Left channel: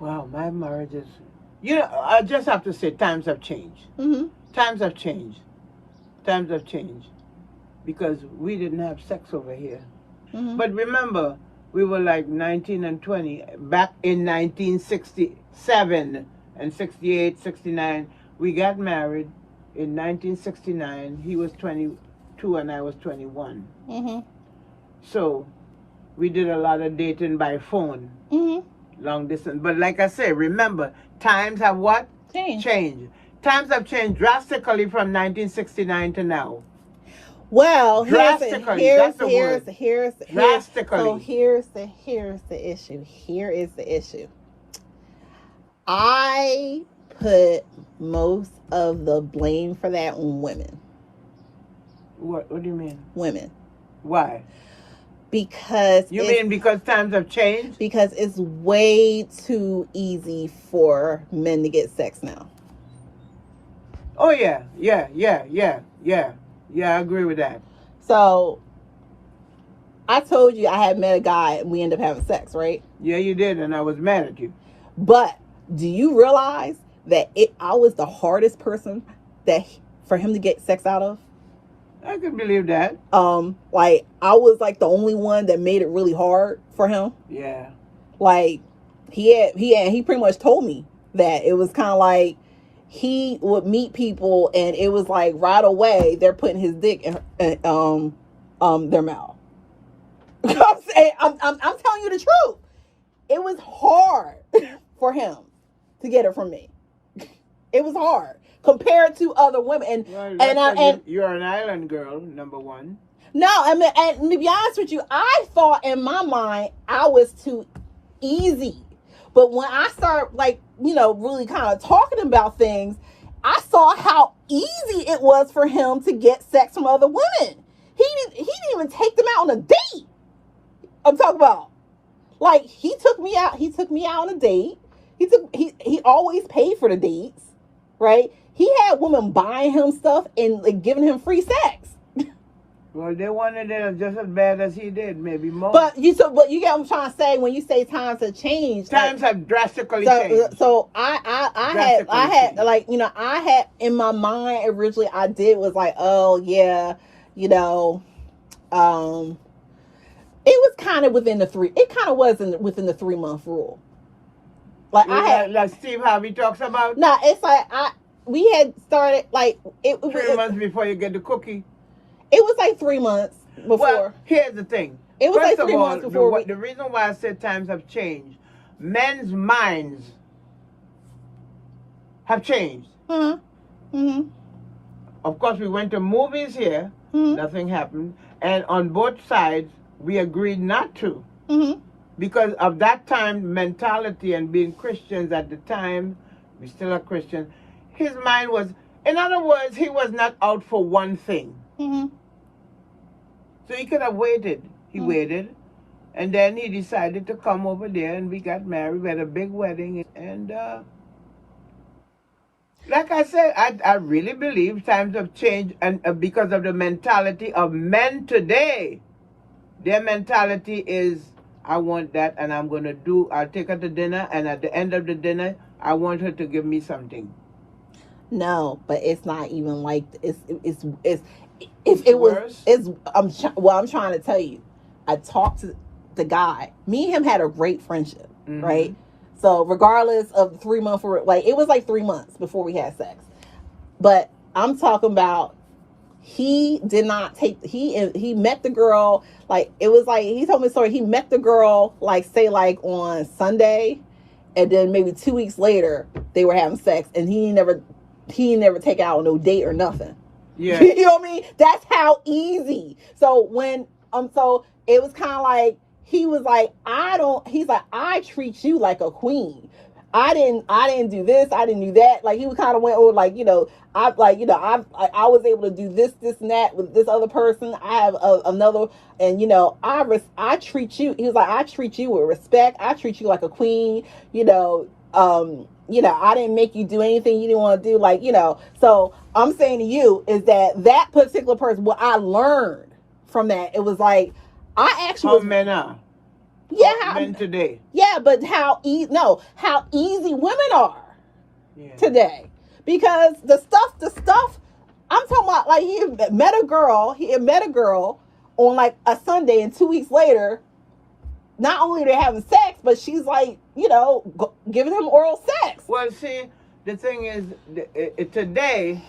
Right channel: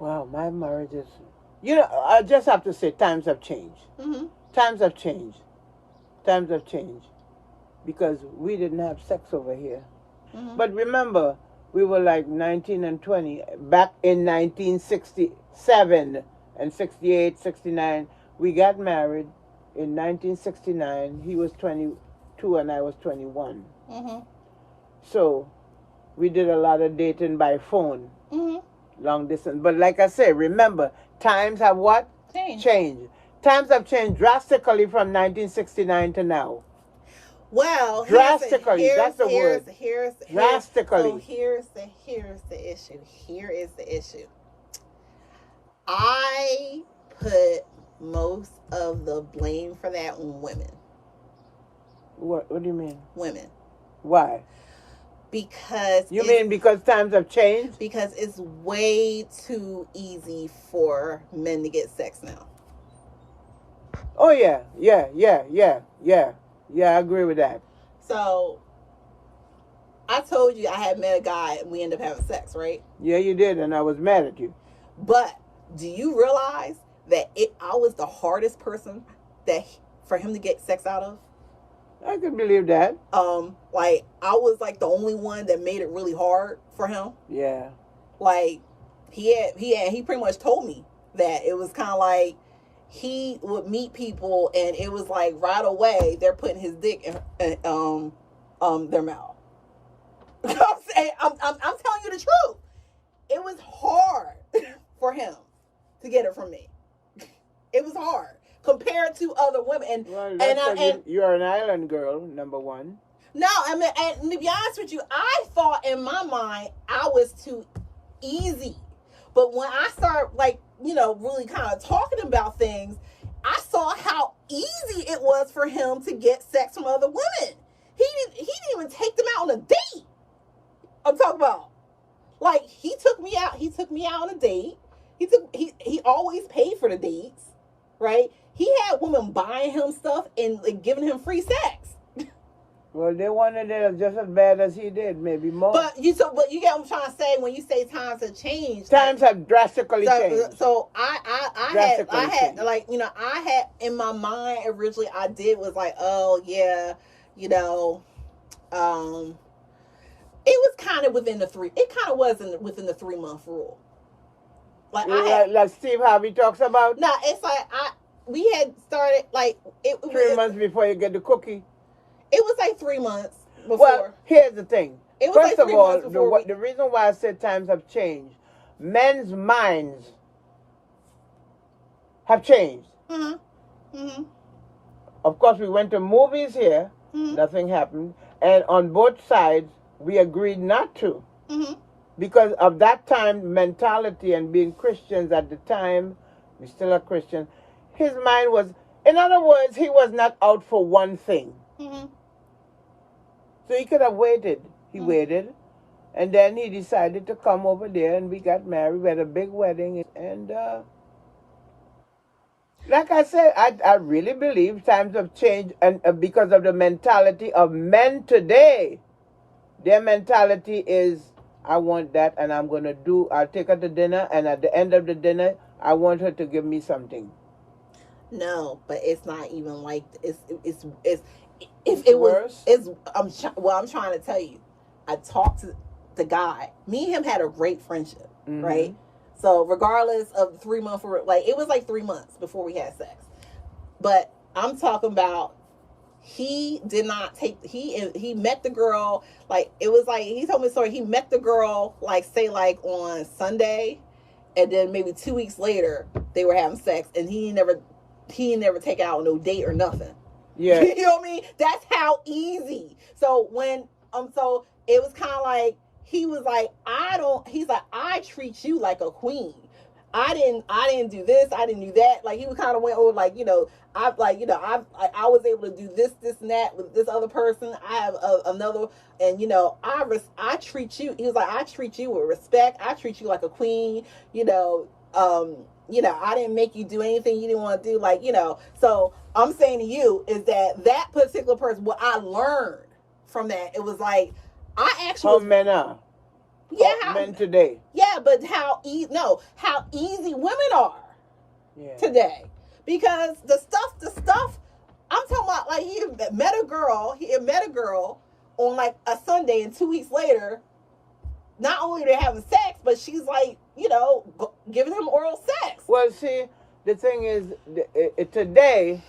Wow, my marriage is. I just have to say, times have changed. Mm-hmm. Times have changed. Times have changed because we didn't have sex over here. Mm-hmm. But remember, we were like 19 and 20 back in 1967 and 68, 69. We got married in 1969. He was 22 and I was 21. Mm-hmm. So we did a lot of dating by phone, Mm-hmm. long distance. But like I say, remember, times have what? Change. Changed. Times have changed drastically from 1969 to now. Well, Drastically, here's that's the here's word. here's Drastically. so here's the issue. Here is the issue. I put most of the blame for that on women. What do you mean? Women. Why? Because You mean because times have changed? Because it's way too easy for men to get sex now. Oh yeah. Yeah, I agree with that. So I told you I had met a guy and we ended up having sex, right? Yeah, you did, and I was mad at you. But do you realize that I was the hardest person for him to get sex out of? I can believe that. Like I was like the only one that made it really hard for him. Yeah. Like he pretty much told me that it was kind of like he would meet people and it was like right away they're putting his dick in their mouth. I'm telling you the truth. It was hard for him to get it from me. It was hard compared to other women. And you're an island girl, number one. No, I mean, and to be honest with you, I thought in my mind I was too easy. But when I start really kind of talking about things, I saw how easy it was for him to get sex from other women. He didn't even take them out on a date. I'm talking about. Like he took me out on a date. He always paid for the dates, right? He had women buying him stuff and like, giving him free sex. Well, they wanted it just as bad as he did, maybe more. But you get what I'm trying to say when you say times have changed. Times have drastically changed. So I had in my mind originally I did was like, oh yeah, it was kind of within the 3. It kind of wasn't within the 3-month rule. Like like Steve Harvey talks about. Nah, it's like we had started like 3 months before you get the cookie. It was like 3 months before. Well, here's the thing. It was like 3 months before. The reason why I said times have changed, men's minds have changed. Mm-hmm. Mm-hmm. Of course, we went to movies here. Mm-hmm. Nothing happened. And on both sides, we agreed not to. Mm-hmm. Because of that time mentality and being Christians at the time, we still are Christians. His mind was, in other words, he was not out for one thing. Mm-hmm. So he could have waited. He waited. And then he decided to come over there and we got married. We had a big wedding. And like I said, I really believe times have changed and because of the mentality of men today. Their mentality is, I want that and I'll take her to dinner and at the end of the dinner, I want her to give me something. No, but it's not even like I'm trying to tell you. I talked to the guy. Me and him had a great friendship, right? So regardless of the 3 month, it was like 3 months before we had sex. But I'm talking about he did not take. He met the girl like it was like he told me a story. He met the girl like say like on Sunday, and then maybe 2 weeks later they were having sex, and he never take out no date or nothing. Yeah. You know what I mean? That's how easy. So when so it was kind of like he was like, he's like, I treat you like a queen. I didn't do this, I didn't do that. Like he kind of went over like, I was able to do this and that with this other person. I have another, and I treat you. He was like, I treat you with respect. I treat you like a queen. I didn't make you do anything you didn't want to do. So I'm saying to you is that particular person, what I learned from that, it was like, I actually men are. Yeah, men today. Yeah, but how easy women are today, because the stuff I'm talking about, like he met a girl on like a Sunday, and 2 weeks later, not only are they having sex, but she's like, giving him oral sex. Well, see, the thing is, today,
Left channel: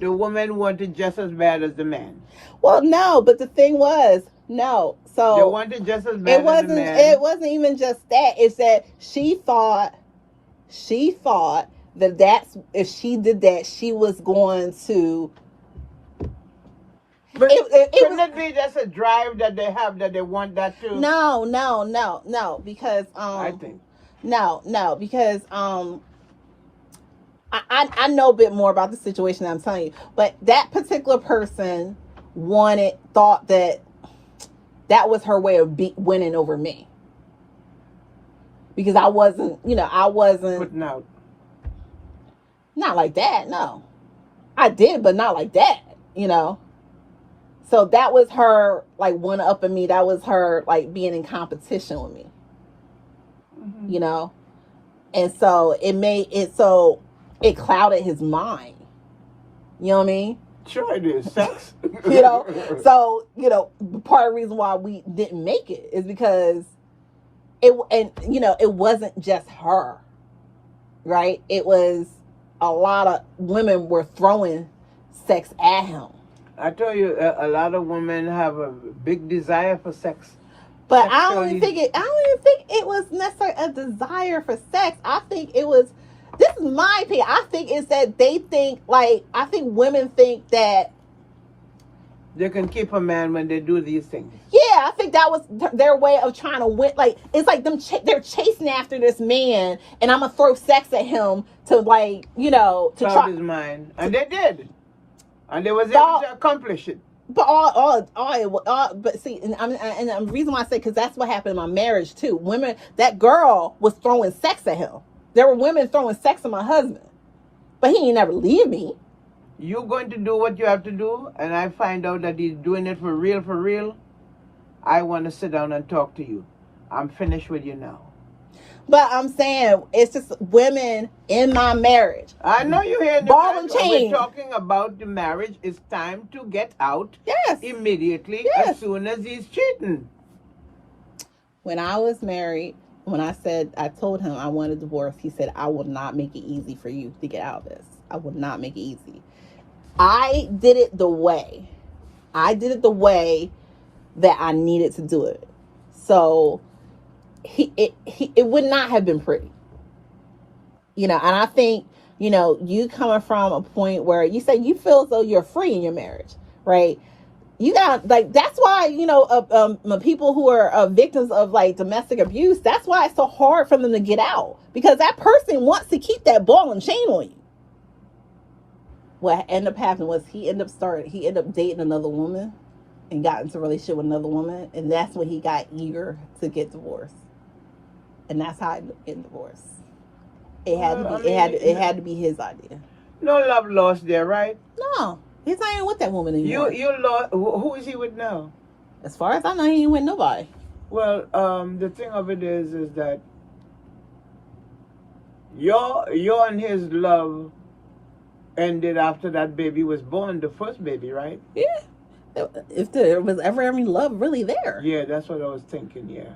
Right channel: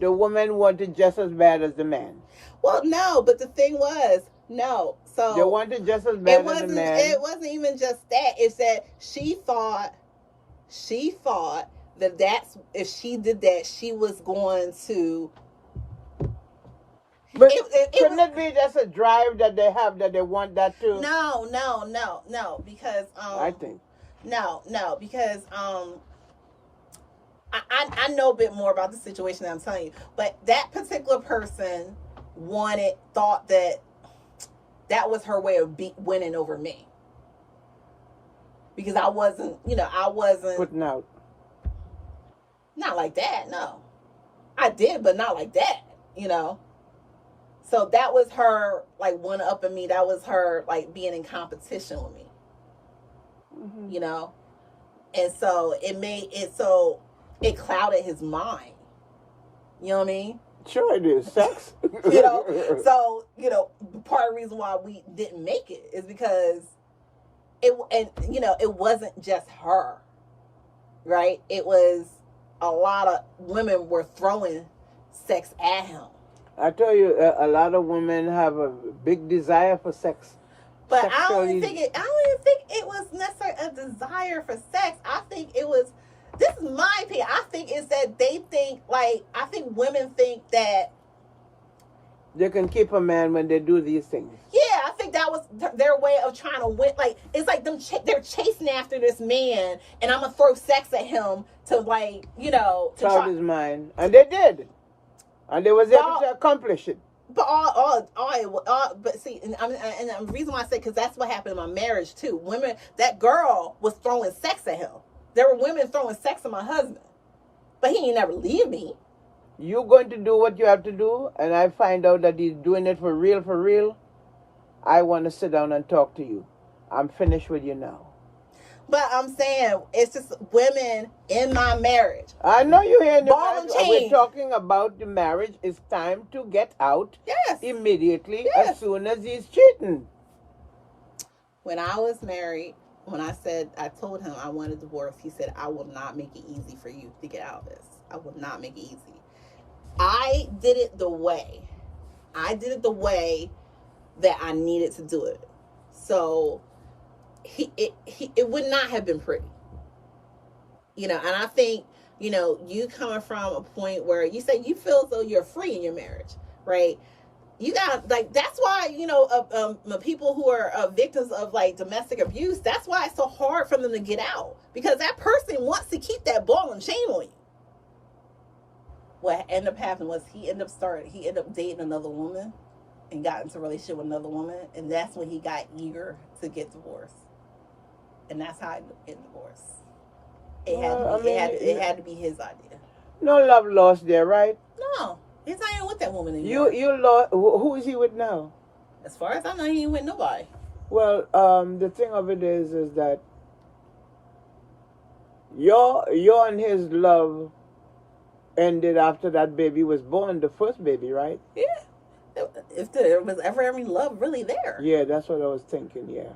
the woman wanted just as bad as the man. Well, no, but the thing was, no. So they wanted just as bad as the man. It wasn't even just that. It's that she thought that if she did that, she was going to. But couldn't it be just a drive that they have, that they want that too? No, because I think because I know a bit more about the situation that I'm telling you, but that particular person thought that was her way of winning over me, because I wasn't putting out. Not like that. No, I did, but not like that. So that was her like one upping me. That was her like being in competition with me. Mm-hmm. And so it clouded his mind. You know what I mean? Sure it is. Sex. So, part of the reason why we didn't make it is because it wasn't just her, right? It was a lot of women were throwing sex at him. I tell you, a lot of women have a big desire for sex. But I don't even think it was necessarily a desire for sex. I think it was, this is my opinion, I think it's that they think, I think women think that they can keep a man when they do these things. Yeah, I think that was their way of trying to win. Like, it's like they're chasing after this man, and I'm going to throw sex at him to, to try his mind. And they did. And they was able to accomplish it. But but see, and the reason why I say, because that's what happened in my marriage too. That girl was throwing sex at him. There were women throwing sex at my husband, but he ain't never leave me. You're going to do what you have to do, and I find out that he's doing it for real. I want to sit down and talk to you. I'm finished with you now. But I'm saying, it's just women in my marriage. I know you're here. Ball and chain. We're talking about the marriage. It's time to get out. Yes. Immediately. Yes. As soon as he's cheating. When I was married, I told him I wanted a divorce, he said, I will not make it easy for you to get out of this. I will not make it easy. I did it the way that I needed to do it. So it would not have been pretty. And I think, you coming from a point where you say you feel as though you're free in your marriage, right? You got, that's why, people who are victims of domestic abuse, that's why it's so hard for them to get out, because that person wants to keep that ball and chain on you. What ended up happening was he ended up dating another woman and got into a relationship with another woman, and that's when he got eager to get divorced. And that's how I get divorced. It had to be his idea. No love lost there, right? No, he's not even with that woman anymore. You lost. Who is he with now? As far as I know, he ain't with nobody. Well, the thing of it is that your and his love ended after that baby was born, the first baby, right? Yeah. If there was ever any love really there. Yeah, that's what I was thinking. Yeah.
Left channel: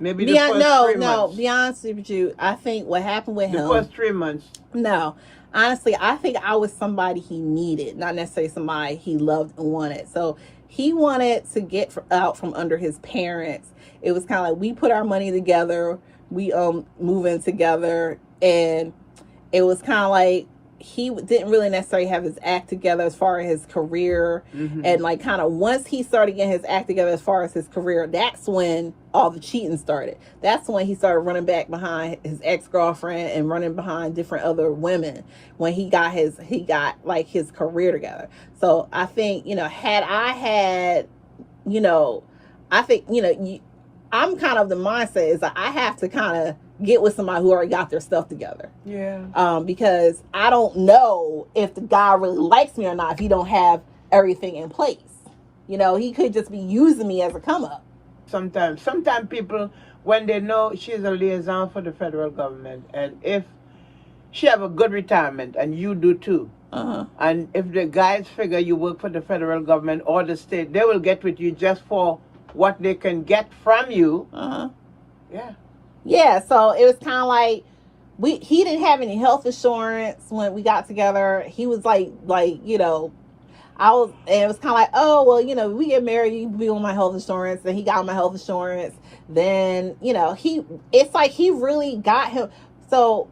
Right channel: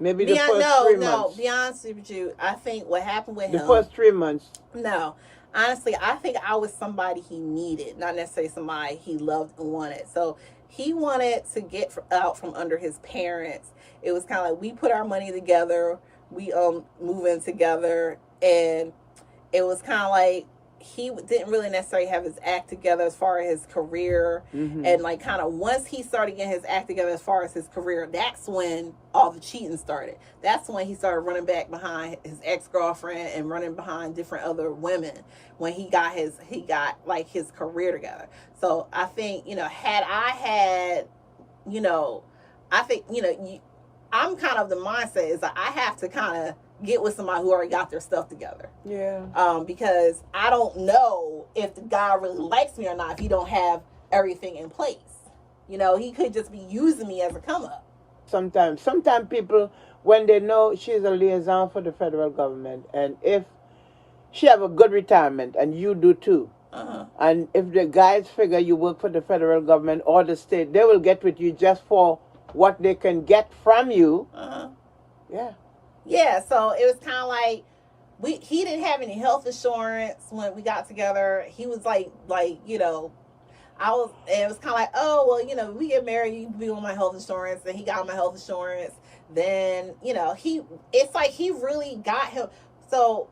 Maybe be honest with you, I think what happened with him, the first 3 months. No, honestly, I think I was somebody he needed, not necessarily somebody he loved and wanted. So he wanted to get out from under his parents. It was kind of like we put our money together, we move in together, and it was kind of like he didn't really necessarily have his act together as far as his career. Mm-hmm. And kind of once he started getting his act together as far as his career, that's when all the cheating started. That's when he started running back behind his ex-girlfriend and running behind different other women when he got his career together. So I think, had I had, I think, I'm kind of the mindset is I have to kind of get with somebody who already got their stuff together. Yeah. Because I don't know if the guy really likes me or not if he don't have everything in place. He could just be using me as a come up. sometimes. Sometimes people, when they know she's a liaison for the federal government, and if she have a good retirement, and you do too, and if the guys figure you work for the federal government or the state, they will get with you just for what they can get from you. Yeah. Yeah, so it was kind of like he didn't have any health insurance when we got together. He was like you know, and it was kind of like, oh well, you know, we get married, you be on my health insurance. Then he got my health insurance. Then you know, it's like he really got him. So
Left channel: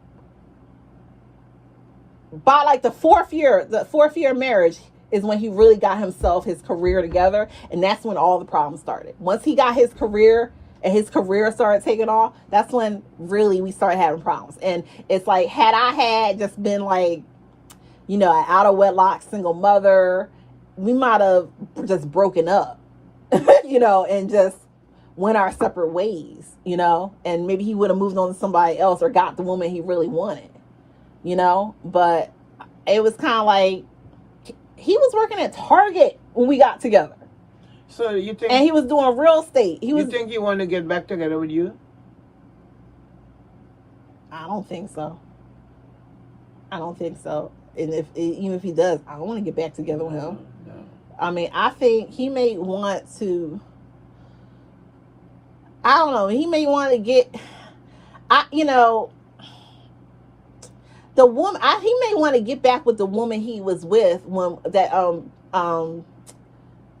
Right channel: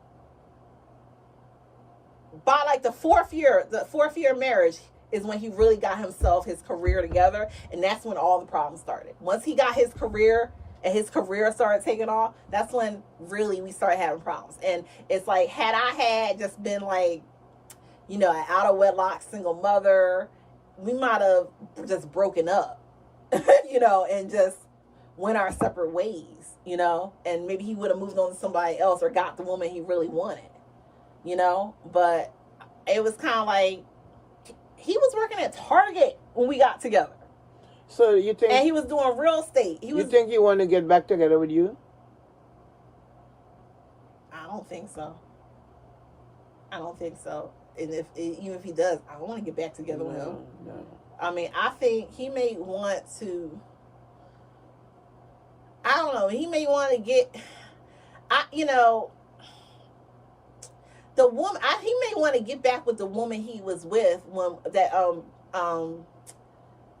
by like the fourth year of marriage is when he really got his career together, and that's when all the problems started. Once he got his career and his career started taking off, that's when really we started having problems. And it's like, had I had just been like, you know, an out of wedlock single mother, we might have just broken up, you know, and just went our separate ways, you know, and maybe he would have moved on to somebody else or got the woman he really wanted, you know. But it was kind of like he was working at Target when we got together. So you think? And he was doing real estate. You think he want to get back together with you? I don't think so. I don't think so. And even if he does, I don't want to get back together with him. No. I mean, I think he may want to. I don't know. He may want to get. You know, the woman. He may want to get back with the woman he was with when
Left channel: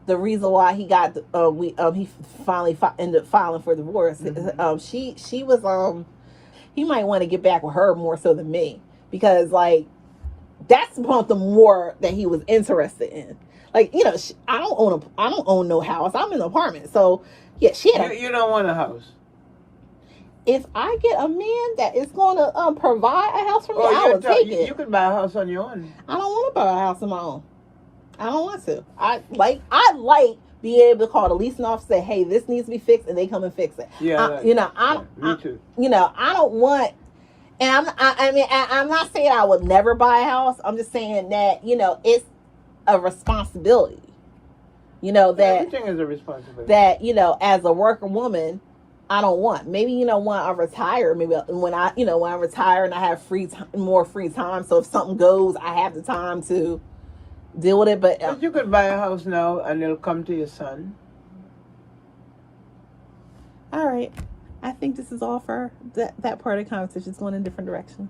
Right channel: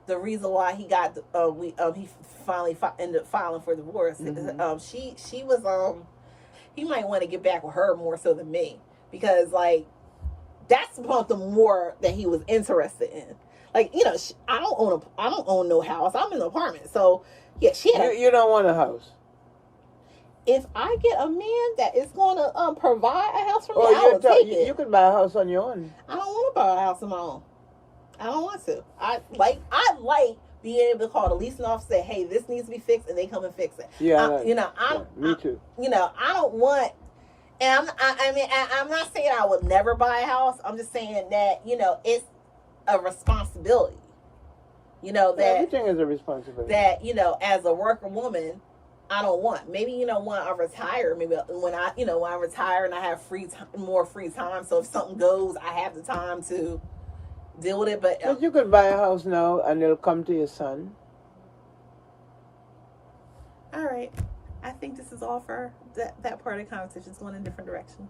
the reason why he got he finally ended up filing for divorce. She was he might want to get back with her more so than me, because like that's something more that he was interested in. Like, you know, I don't own no house. I'm in an apartment. So yeah, you don't want a house. If I get a man that is going to provide a house for me, I will take it. You could buy a house on your own. I don't want to buy a house on my own. I don't want to. I like being able to call the leasing office, say, hey, this needs to be fixed, and they come and fix it. Yeah. Me too. You know, I don't want, and I'm not saying I would never buy a house. I'm just saying that, you know, it's a responsibility. You know, that everything is a responsibility. That, you know, as a working woman, I don't want. Maybe, you know, when I retire, when I retire and I have more free time. So if something goes, I have the time to deal with it. But you could buy a house now and it'll come to your son. All right. I think this is all for that part of the conversation. It's going in a different direction.